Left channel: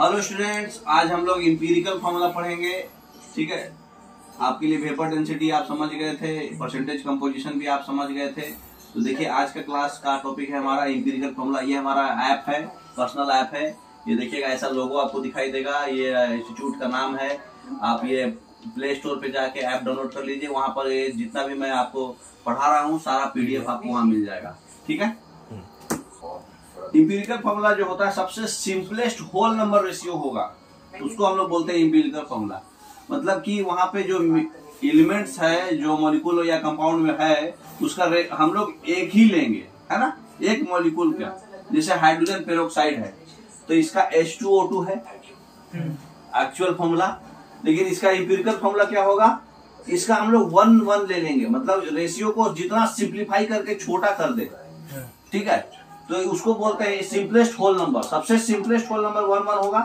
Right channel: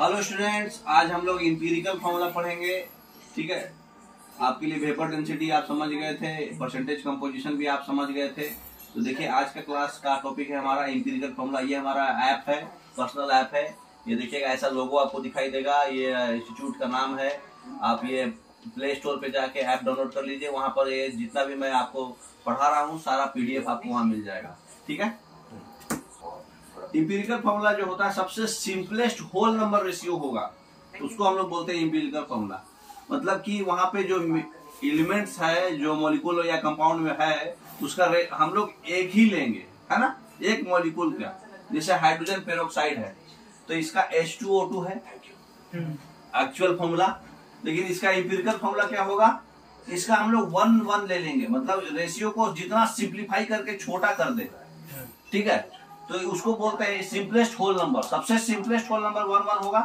Hello students, आज हम लोग इंपीरिकल फॉर्मूला पढ़ेंगे। ठीक है, आपके लिए वेपर डेंसिटी आप समझ गए थे, परसेंटेज कंपोजिशन भी आप समझ गए थे। तो देखिए, आज का क्लास का टॉपिक है हमारा इंपीरिकल फॉर्मूला। ये हमारा ऐप है, पर्सनल ऐप है। ये देखिएगा, ऐसा लोगो आपको दिखाई देगा। ये इंस्टीट्यूट का नाम है। आप ये प्ले स्टोर पे जाके ऐप डाउनलोड कर लीजिए। वहां पर ये जितना भी मैं आपको पढ़ा रहा हूँ सारा पीडीएफ आपको वहां मिल जाएगा। ठीक है, इंपीरिकल फॉर्मूला जो होता है सबसे सिंपलेस्ट होल नंबर रेशियो होगा, उसको हम लोग बोलते हैं इंपीरिकल फॉर्मूला। मतलब कि वहां पे जो एलिमेंट्स है, जो मॉलिक्यूल या कंपाउंड में है, उसका हम लोग एक ही लेंगे, है ना, एक मॉलिक्यूल का। जैसे हाइड्रोजन पेरोक्साइड है तो इसका H2O2 है एक्चुअल फॉर्मूला, लेकिन इसका इंपीरिकल फॉर्मूला क्या होगा, इसका हम लोग 1:1 ले लेंगे। मतलब रेशियो को जितना सिंप्लीफाई करके छोटा कर दे, ठीक है, तो उसको बोलते हैं सिंपलेस्ट होल नंबर। सबसे सिंपलेस्ट होल नंबर 1:1 होगा,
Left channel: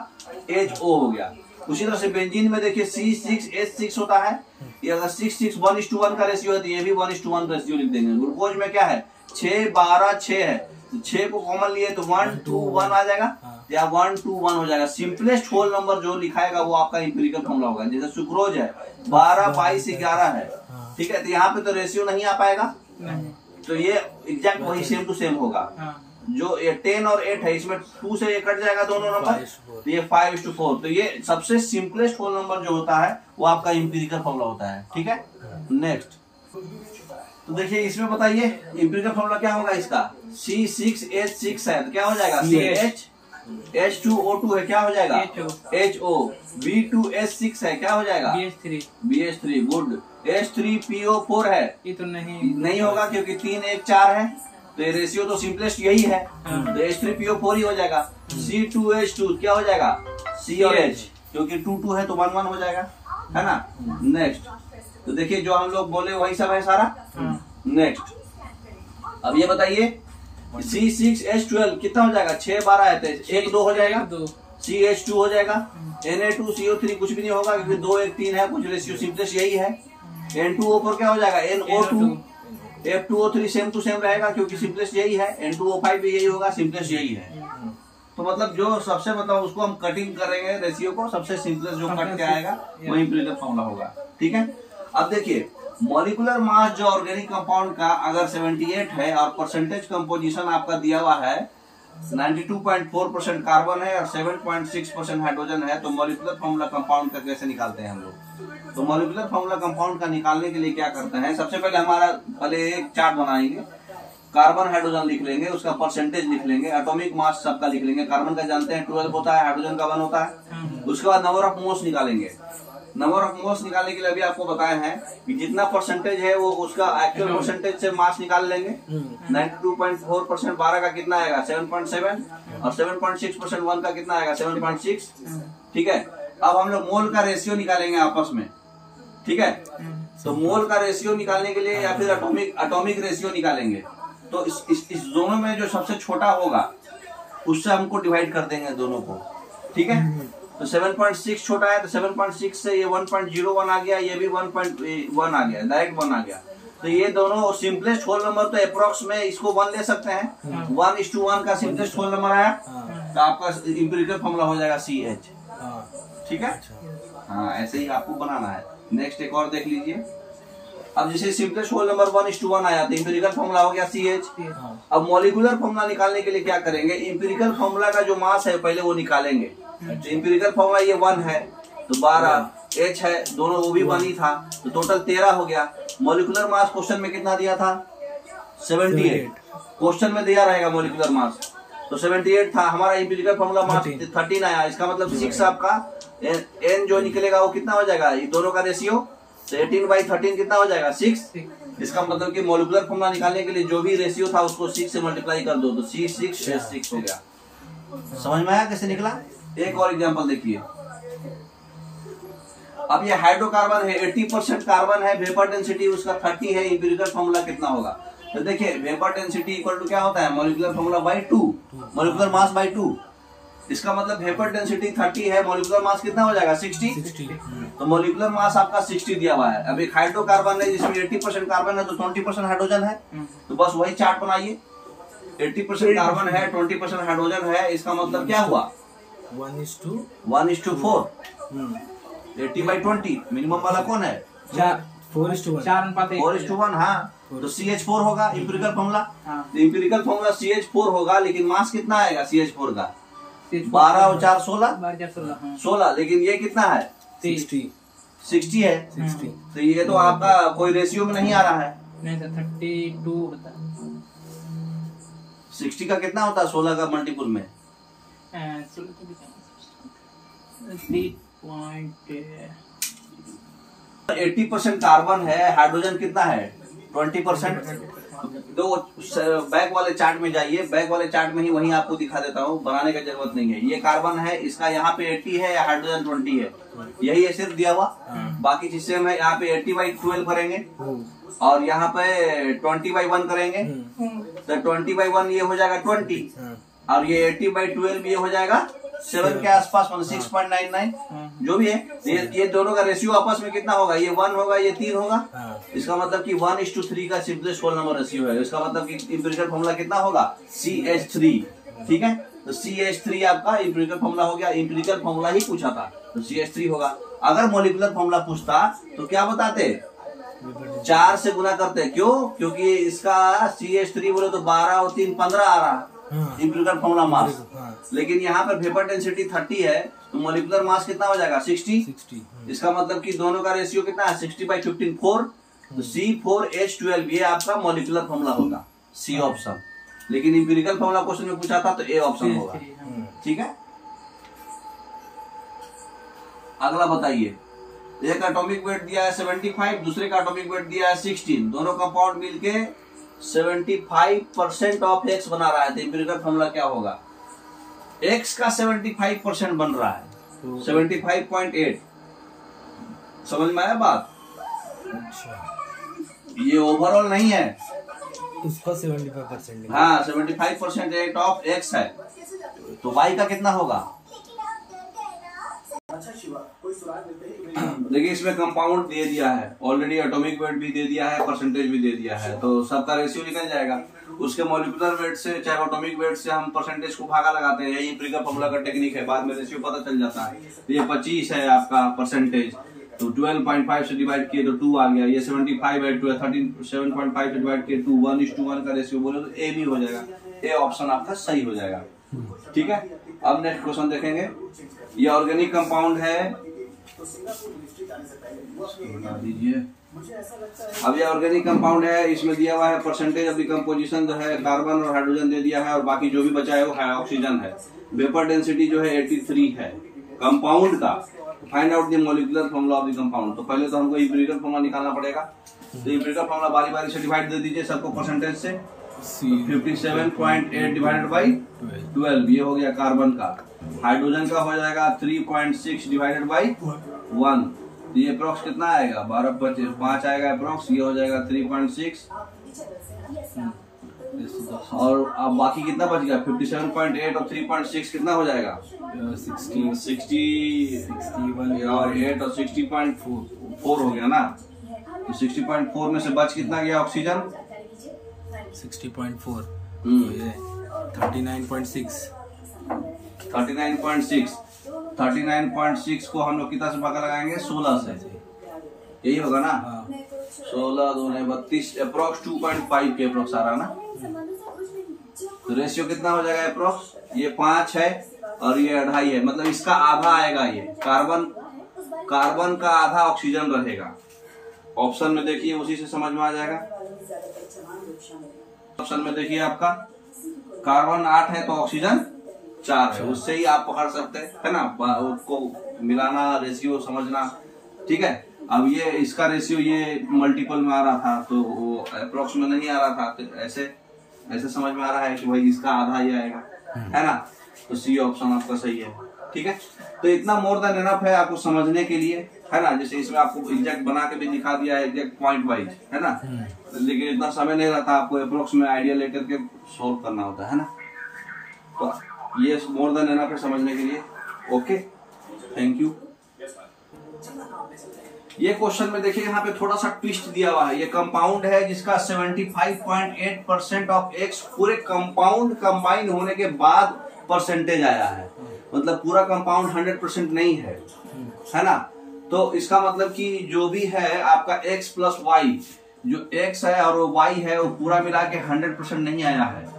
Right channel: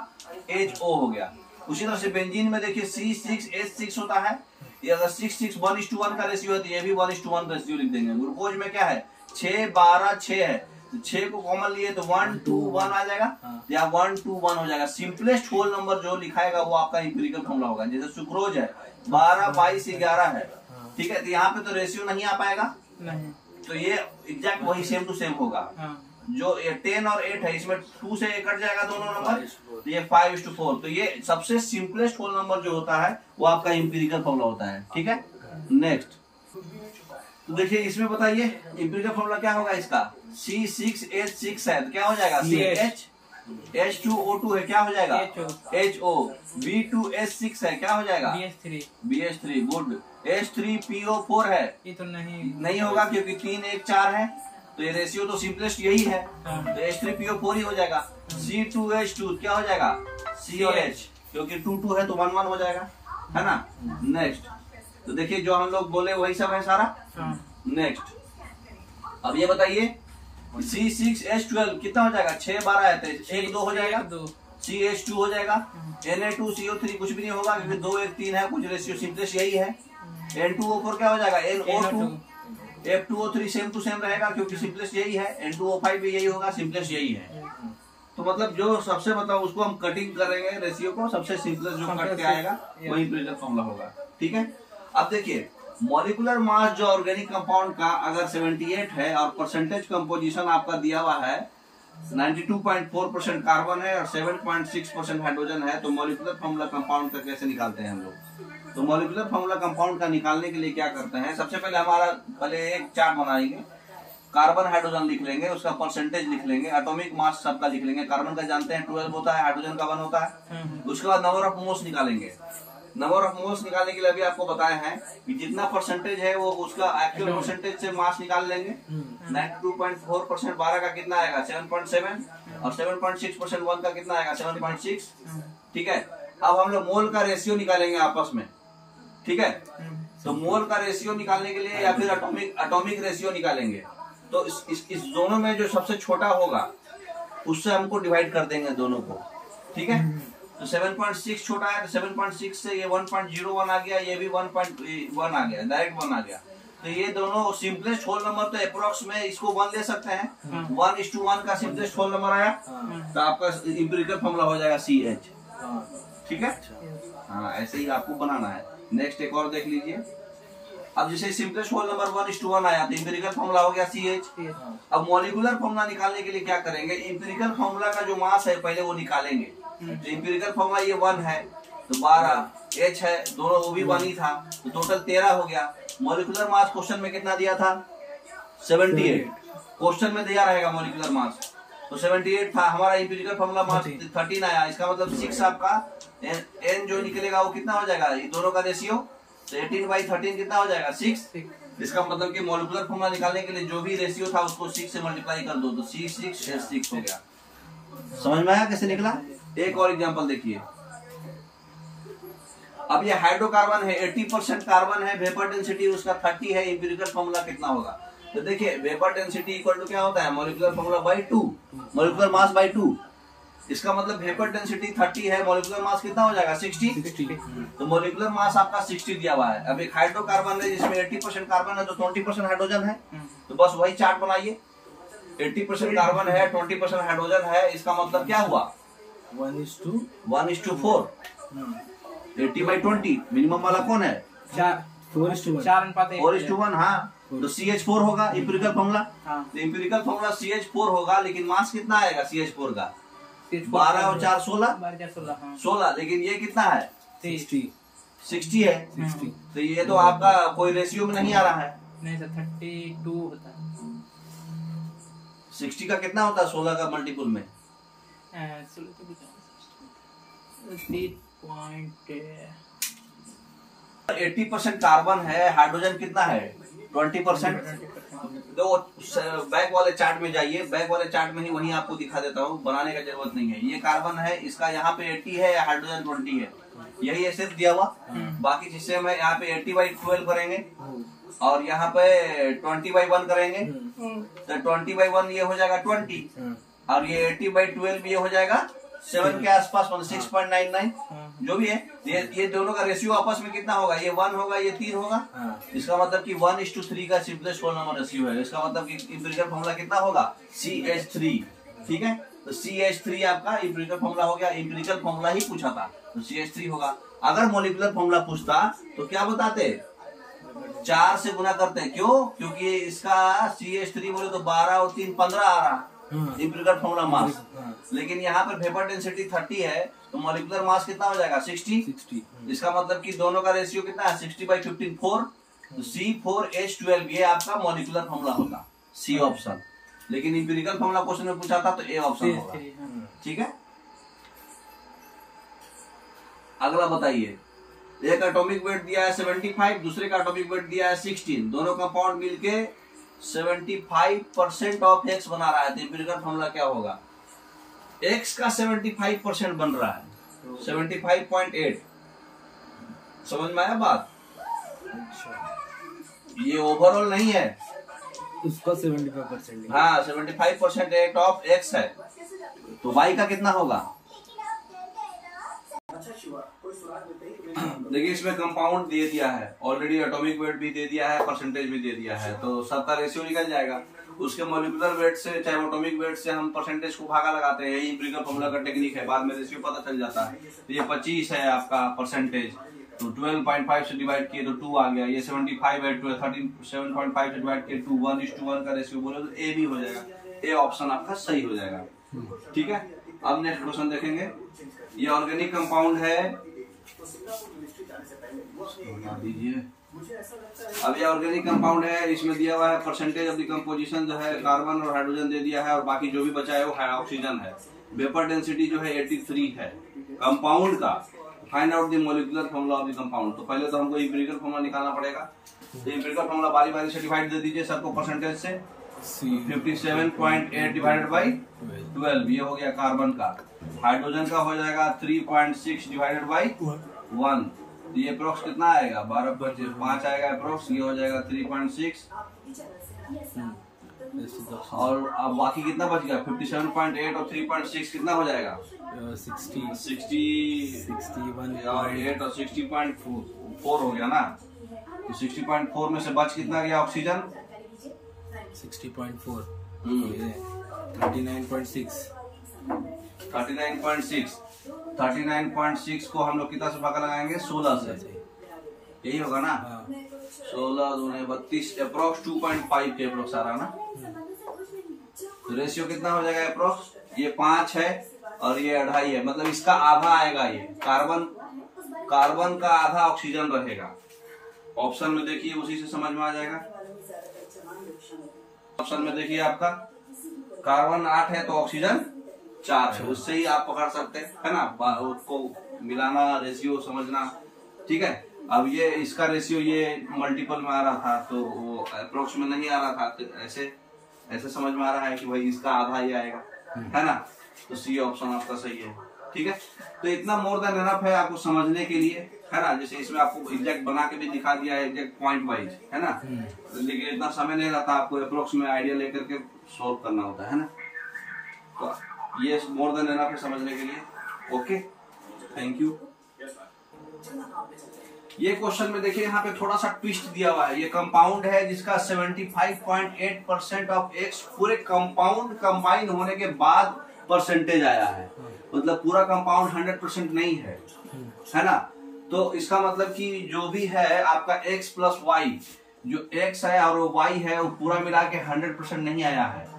HO हो गया। उसी तरह से बेंजीन में देखिए C6H6 होता है। ये अगर 6 1:1 का रेशियो है तो ये भी 1:1 रेशियो लिख देंगे। ग्लूकोज में क्या है, 6 12 6 है, तो 6 को कॉमन लिए तो 1 2 1 आ जाएगा, या 1 2 1 हो जाएगा। सिंपलेस्ट होल नंबर जो लिखाएगा वो आपका इंपीरिकल फॉर्मूला होगा। जैसे सुक्रोज है 12 22 11 है, ठीक है, तो यहाँ पे तो रेशियो नहीं आ पाएगा, तो ये एग्जैक्ट वही सेम टू सेम होगा। जो 10 और 8 है, इसमें 2 से ये कट जाएगा दोनों नंबर, तो ये 5:4। तो ये सबसे सिंपलेस्ट होल नंबर जो होता है वो आपका इंपीरिकल फॉर्मूला होता है। ठीक है, नेक्स्ट तो देखिए, इसमें बताइए इंपीरिकल फॉर्मूला क्या होगा। इसका C6H6 है तो क्या हो जाएगा, CH। H2O2 है, क्या हो जाएगा, HO। B2H6 है, क्या हो जाएगा, BH3। गुड। H3PO4 है, ये तो नहीं होगा क्योंकि 3 1 4 है, तो ये रेशियो तो सिंपलेस्ट यही है, तो H3PO4 ही हो जाएगा। C2H2 क्या हो जाएगा, C और H, क्योंकि 2 2 है तो 1 1 हो जाएगा, है ना। नेक्स्ट तो देखिए, जो हम लोग बोले वही सब है सारा। नेक्स्ट अब ये बताइए, C6H12 कितना हो जाएगा, 6 12 है तो 1 2 हो जाएगा, CH2 हो जाएगा। Na2CO3 कुछ भी नहीं होगा क्योंकि 2 1 3 है, कुछ रेशियो सिंपलेस्ट यही है। N2O4 क्या हो जाएगा, NO2। F2O3 same to same रहेगा क्योंकि सिंपलेस्ट यही है। N2O5 भी यही होगा, सिंपलेस्ट यही है। तो मतलब जो सबसे मतलब उसको हम कटिंग करेंगे रेशियो को, सबसे सिंपलेस्ट जो कट के आएगा वही इंपीरिकल फॉर्मूला होगा। ठीक है, अब देखिए, मॉलिक्यूलर मास जो ऑर्गेनिक कंपाउंड का अगर 78 है और परसेंटेज कंपोजिशन आपका दिया हुआ है 92.4% कार्बन है और 7.6% हाइड्रोजन है, तो मॉलिक्यूलर फॉर्मूला कंपाउंड का कैसे निकालते हैं हम लोग। तो मॉलिक्यूलर फॉर्मूला कंपाउंड का निकालने के लिए क्या करते हैं, सबसे पहले एक चार्ट बनाएंगे। कार्बन हाइड्रोजन लिख लेंगे, उसका परसेंटेज लिख लेंगे, एटॉमिक मास सबका लिख लेंगे। कार्बन का जानते हैं 12 होता है, हाइड्रोजन का 1 होता है। उसके बाद नंबर ऑफ मोल्स निकालेंगे। नंबर ऑफ मोल्स निकालने के लिए अभी आपको बताए हैं कि जितना परसेंटेज है वो उसका एक्चुअल परसेंटेज से मास निकाल लेंगे। 92.4% 12 का कितना आएगा, 7.7, और 7.6% 1 का कितना आएगा, 7.6। ठीक है, अब हम लोग मोल का रेशियो निकालेंगे आपस में। ठीक है, तो मोल का रेशियो निकालने के लिए या फिर एटॉमिक रेशियो निकालेंगे, तो इस दोनों में जो सबसे छोटा होगा उससे हमको डिवाइड कर देंगे दोनों को। ठीक है, तो 7.6 छोटा है तो 7.6 से ये 1.01 आ गया, ये भी 1.1 आ गया, डायरेक्ट 1 आ गया। तो ये दोनों सिंपलेस्ट होल नंबर, तो अप्रोक्स में इसको 1 ले सकते हैं। 1:1 का सिंपलेस्ट होल नंबर आया तो आपका इंपीरिकल फॉर्मूला हो जाएगा CH। ठीक है, हाँ, ऐसे ही आपको बनाना है। नेक्स्ट एक और देख लीजिए। अब जैसे सिंपलेस्ट होल नंबर 1:1 आया तो इंपीरिकल फॉर्मूला हो गया CH। अब मॉलिक्यूलर फॉर्मूला निकालने के लिए क्या करेंगे, इंपीरिकल फॉर्मूला का जो मास है पहले वो निकालेंगे। तो इंपीरिकल फॉर्मूला ये 1 है तो 12, H है दोनों वो भी 1 ही था, तो टोटल 13 हो गया। मॉलिक्यूलर मास क्वेश्चन में कितना दिया था, 78। क्वेश्चन में दिया रहेगा मॉलिक्यूलर मास, तो 78 था। हमारा इंपीरिकल फॉर्मूला मास 13 आया, इसका मतलब 6 आपका N जो निकलेगा वो कितना हो जाएगा, ये दोनों का रेशियो, तो 18/13 कितना हो जाएगा, 6। इसका मतलब कि मॉलिक्यूलर फॉर्मूला निकालने के लिए जो भी रेशियो था उसको 6 से मल्टीप्लाई कर दो, तो C6H6 हो गया। समझ में आया कैसे निकला। एक और एग्जांपल देखिए। अब ये हाइड्रोकार्बन है, 80% कार्बन है, वेपर डेंसिटी उसका 30 है, इंपीरिकल फॉर्मूला कितना होगा। तो देखिए, वेपर डेंसिटी इक्वल टू क्या होता है, molecular formula by 2, molecular mass by 2। इसका मतलब वेपर डेंसिटी 30 है, मॉलिक्यूलर मास कितना हो जाएगा, 60। तो मॉलिक्यूलर मास आपका 60 दिया हुआ है। अब एक हाइड्रोकार्बन है जिसमें 80% कार्बन है तो 20% हाइड्रोजन है, तो बस वही चार्ट बनाइए। 80% कार्बन है, 20% हाइड्रोजन है, इसका मतलब क्या हुआ, 1:4। 80/20 मिनिमम वाला कौन है? 4:1। हाँ, तो CH4 होगा इंपिरिकल फॉर्मूला। तो इंपिरिकल फॉर्मूला CH4 होगा, लेकिन मास कितना आएगा CH4 का? 12 और 4 16। लेकिन ये कितना है? 60 है। तो ये तो आपका कोई रेशियो में नहीं आ रहा है। नहीं सर, 32 होता है। 60 का कितना होता है 16 का मल्टीपल में? 80% कार्बन है, हाइड्रोजन कितना है? 20%। तो बैक वाले चार्ट में जाइए, बैक वाले चार्ट में ही वही आपको दिखा देता हूँ, बनाने का जरूरत नहीं है। ये कार्बन है, इसका यहाँ पे 80 है या हाइड्रोजन 20 है, यही ऐसे दिया हुआ। बाकी चीजें हम यहाँ पे 80/12 करेंगे और यहाँ पे 20/1 करेंगे। तो 20/1 ये हो जाएगा 20 और ये 80/12 ये हो जाएगा 7 के आसपास, मतलब 6.99 जो भी है। ये दोनों का रेशियो आपस में कितना होगा? ये 1 होगा, ये 3 होगा। इसका मतलब कि 1:3 का सिंपलेस्ट होल नंबर रेशियो है। इसका मतलब कि इंपिरिकल फॉर्मूला कितना होगा? CH3। ठीक है, तो CH3 आपका इंपिरिकल फॉर्मूला हो गया। इंपिरिकल फॉर्मूला ही पूछा था तो CH3 होगा। अगर मॉलिक्यूलर फॉर्मूला पूछता तो क्या बताते? 4 से गुना करते। क्यों? क्योंकि इसका CH3 बोले तो 12 और 3 15 आ रहा इंपिरिकल फॉर्मूला मास। लेकिन यहाँ पर वेपर डेंसिटी 30 है, तो मॉलिक्यूलर मास कितना हो जाएगा? 60। इसका मतलब कि दोनों का रेशियो कितना है? 60/15 4। तो C4H12 ये आपका मॉलिक्यूलर फॉर्मूला होगा, C ऑप्शन। लेकिन इंपिरिकल फॉर्मूला क्वेश्चन में पूछा था तो A ऑप्शन होगा। ठीक है, अगला बताइए। एक एटॉमिक वेट दिया है 75, दूसरे का एटॉमिक वेट दिया है 16। दोनों कंपाउंड मिलके 75% ऑफ X बना रहा है। तो इंपिरिकल फॉर्मूला क्या होगा? X का 75% बन रहा है, 75.8। समझ में आया बात? ये ओवरऑल नहीं है, इसका 75%। हाँ, 75% ऑफ X है। तो Y का कितना होगा? देखिए, इसमें कंपाउंड दे दिया है ऑलरेडी, एटॉमिक वेट भी दे दिया है, परसेंटेज भी दे दिया है, तो सबका रेशियो निकल जाएगा। उसके मॉलिक्यूलर वेट से चाहे एटॉमिक वेट से हम परसेंटेज को भागा लगाते हैं। यही इंपिरिकल फॉर्मूला का टेक्निक है, बाद में रेशियो पता चल जाता है। तो ये 25 है आपका परसेंटेज, तो 12.5 से डिवाइड किए तो 2 आ गया। ये 75/12 7.5 से डिवाइड किए 2 1:1 का रेशियो बोले तो A भी हो जाएगा। ए ऑप्शन आपका सही हो जाएगा। ठीक है, अब नेक्स्ट क्वेश्चन देखेंगे। ये ऑर्गेनिक कंपाउंड है, बता दीजिए। अब ये ऑर्गेनिक कंपाउंड है, इसमें दिया हुआ है परसेंटेज ऑफ द कंपोजिशन जो है कार्बन और हाइड्रोजन दे दिया है, और बाकी जो भी बचा है वो ऑक्सीजन है। वेपर डेंसिटी जो है 83 है कंपाउंड का। Find out the molecular formula of the compound. तो पहले तो हमको इंपिरिकल फॉर्मूला निकालना पड़ेगा। तो इंपिरिकल फॉर्मूला बारी बारी से डिवाइड दे दीजिए सबको परसेंटेज से। 57.8 डिवाइडेड बाई 12 ये हो गया कार्बन का। हाइड्रोजन का हो जाएगा 3.6 डिवाइडेड बाई 1। ये अप्रोक्स कितना आएगा? 12/5 आएगा अप्रोक्स। ये हो जाएगा 3.6 और अब बाकी कितना बच गया? 57.8 और 3.6 कितना हो जाएगा? 60 और 8 और 60.4 हो गया ना। तो 60.4 में से बच कितना गया ऑक्सीजन? 60.4 ये 39.6 को हम लोग कितना से पका लगाएंगे? 16 से। यही होगा ना। 16 दूने 32 अप्रोक्स 2.5 के अप्रोक्स आ रहा ना। तो रेशियो कितना हो जाएगा अप्रोक्स? ये 5 है और ये 2.5 है, मतलब इसका आधा आएगा। ये कार्बन का आधा ऑक्सीजन रहेगा। ऑप्शन में देखिए, उसी से समझ में आ जाएगा। ऑप्शन में देखिए आपका कार्बन 8 है तो ऑक्सीजन 4 है, उससे ही आप पकड़ सकते हैं, है ना। उसको मिलाना, रेशियो समझना। ठीक है, अब ये इसका रेशियो ये मल्टीपल में आ रहा था तो वो अप्रोक्स में नहीं आ रहा था, तो ऐसे समझ में आ रहा है कि भाई इसका आधा ही आएगा, है ना। तो सी ऑप्शन आपका सही है। ठीक है, तो इतना मोर देन एनफ है आपको समझने के लिए, है ना। जैसे इसमें आपको एग्जैक्ट बना के भी दिखा दिया है, एग्जैक्ट पॉइंट वाइज, है ना। लेकिन इतना समय नहीं रहता, आपको अप्रोक्स में आइडिया लेकर के सोल्व करना होता है ना। तो ये मोर देन एनफ है समझने के लिए। Okay, thank you. ये क्वेश्चन में देखिए, यहाँ पे थोड़ा सा ट्विस्ट दिया हुआ है। ये कंपाउंड है जिसका 75.8% ऑफ एक्स पूरे कंपाउंड कंबाइन होने के बाद परसेंटेज आया है। मतलब पूरा कंपाउंड 100% नहीं है ना। तो इसका मतलब कि जो भी है आपका x प्लस वाई, जो x है और वो y है वो पूरा मिला के 100% नहीं आया है।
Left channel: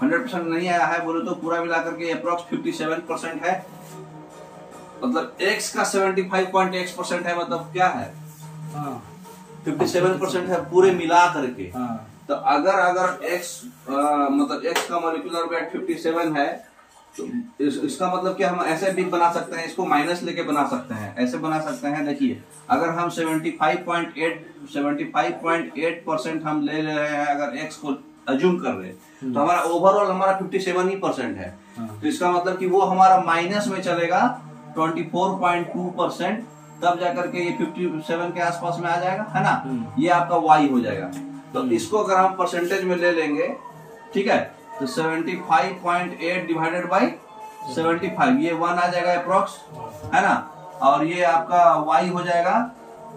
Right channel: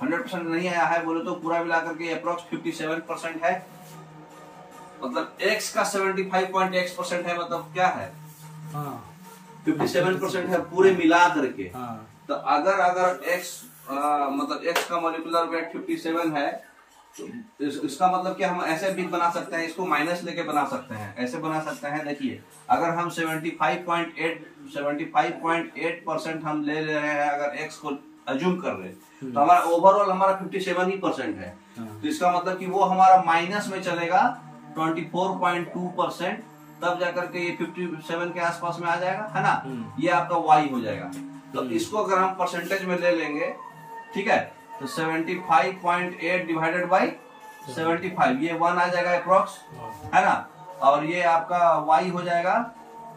100% नहीं आया है बोले तो पूरा मिला करके अप्रोक्स 57% है। मतलब x का 75.x% है, मतलब क्या है 57% है पूरे मिला करके। तो अगर x मतलब x का मॉलिक्यूलर वेट 57 है तो इसका मतलब कि हम ऐसे भी बना सकते हैं, इसको माइनस लेके बना सकते हैं, ऐसे बना सकते हैं। देखिए अगर हम 75.8% हम ले रहे हैं, अगर x को अज्यूम कर रहे हैं तो हमारा ओवरऑल हमारा 57% है। तो इसका मतलब कि वो हमारा माइनस में चलेगा 24.2%, तब जाकर के ये 57 के आसपास में आ जाएगा, है ना। ये आपका y हो जाएगा। तो इसको अगर हम परसेंटेज में ले लेंगे, ठीक है, तो 75.8 डिवाइडेड बाई 75, ये 1 आ जाएगा अप्रोक्स, है ना। और ये आपका y हो जाएगा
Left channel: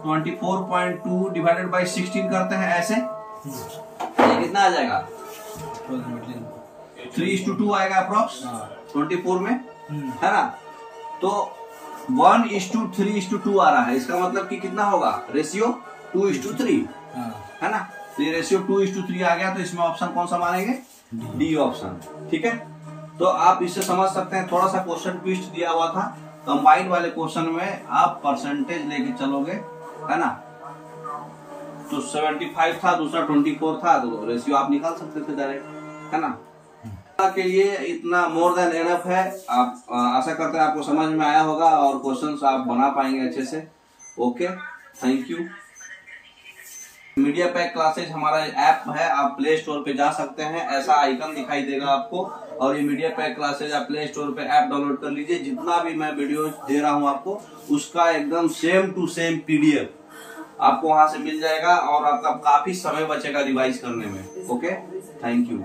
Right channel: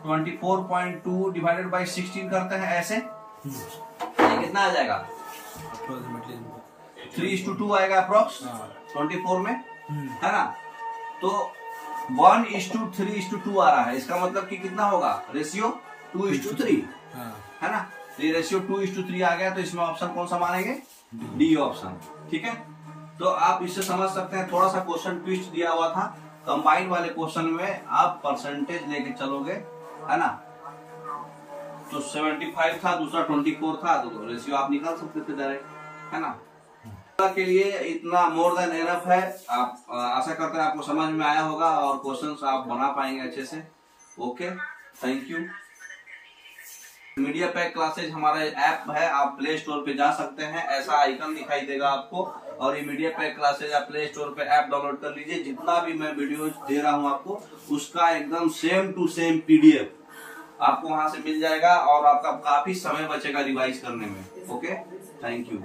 24.2 डिवाइडेड बाई 16 करते हैं ऐसे, ये कितना आ जाएगा 3:2 आएगा अप्रोक्स 24 में, है ना। तो 1:3:2 आ रहा है। इसका मतलब कि कितना होगा रेशियो 2:3, है ना। तो ये रेशियो 2:3 आ गया। तो इसमें ऑप्शन कौन सा मानेंगे, डी ऑप्शन, ठीक है। तो आप इससे समझ सकते हैं, थोड़ा सा क्वेश्चन ट्विस्ट दिया हुआ था। कंबाइंड वाले क्वेश्चन में आप परसेंटेज लेके चलोगे, है ना। तो 75 था, दूसरा 24 था, तो रेशियो आप निकाल सकते थे डायरेक्ट, है ना। के लिए इतना मोर देन एनफ है। आप आशा करते हैं आपको समझ में आया होगा और क्वेश्चंस आप बना पाएंगे अच्छे से। Okay, thank you. Media pack classes हमारा ऐप है, आप प्ले स्टोर पे जा सकते हैं, ऐसा आइकन दिखाई देगा आपको। और ये मीडिया पैक क्लासेज आप प्ले स्टोर पे ऐप डाउनलोड कर लीजिए। जितना भी मैं वीडियो दे रहा हूँ आपको, उसका एकदम सेम टू सेम PDF आपको वहां से मिल जाएगा और आपका काफी समय बचेगा रिवाइज करने में। Okay, thank you.